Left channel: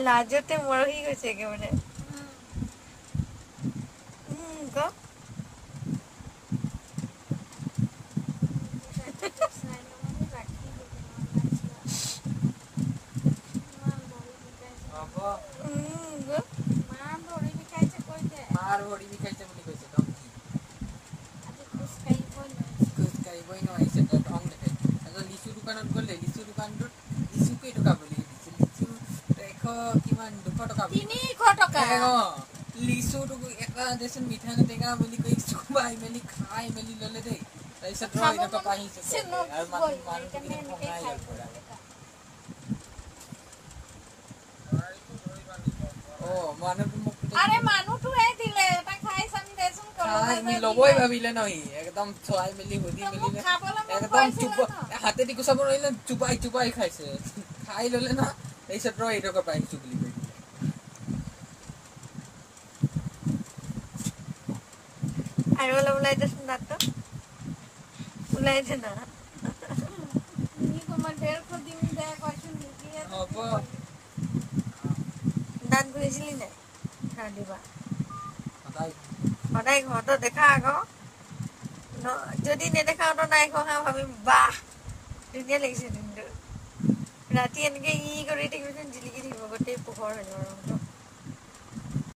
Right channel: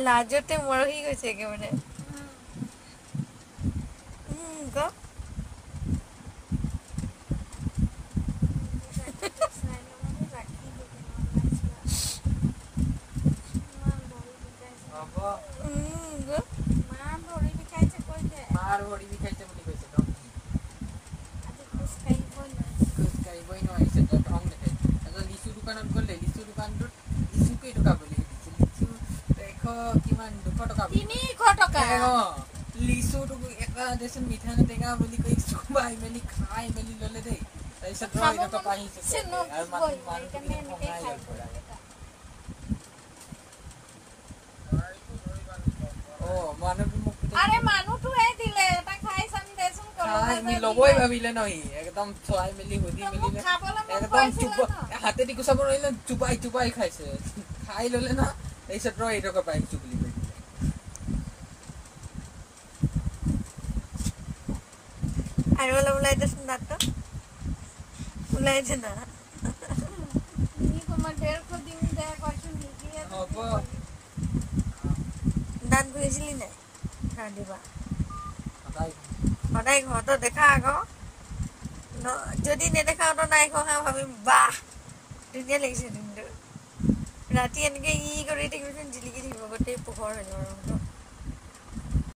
লাজতে মৰহি গৈছে একেবাৰে ক লবই ভাবিলে নহি একদম ছয় মিলি হদি মিলি একদম চুপ হাতে দি কুছাব ৰইলে চুপাই চুপাই খাইছে খাই ললে না এইসব ৰই এটকা পাইছো বুলি আৰু অলপ ওলাই দেচোন দাঁতটো ওলাইছে না দাঁত ঘঁহিছিলি নাই সদায় ঘৰতো দেখা আকৌ যদি নেদেখাও তো নাই ঘঁহা ভাবিম বাহ ধুনীয়া লাগিছে কিন্তু ৰাতি এনেকে ই কৰি থাকিব জিলিকি থাকিব গোটেই পোহৰ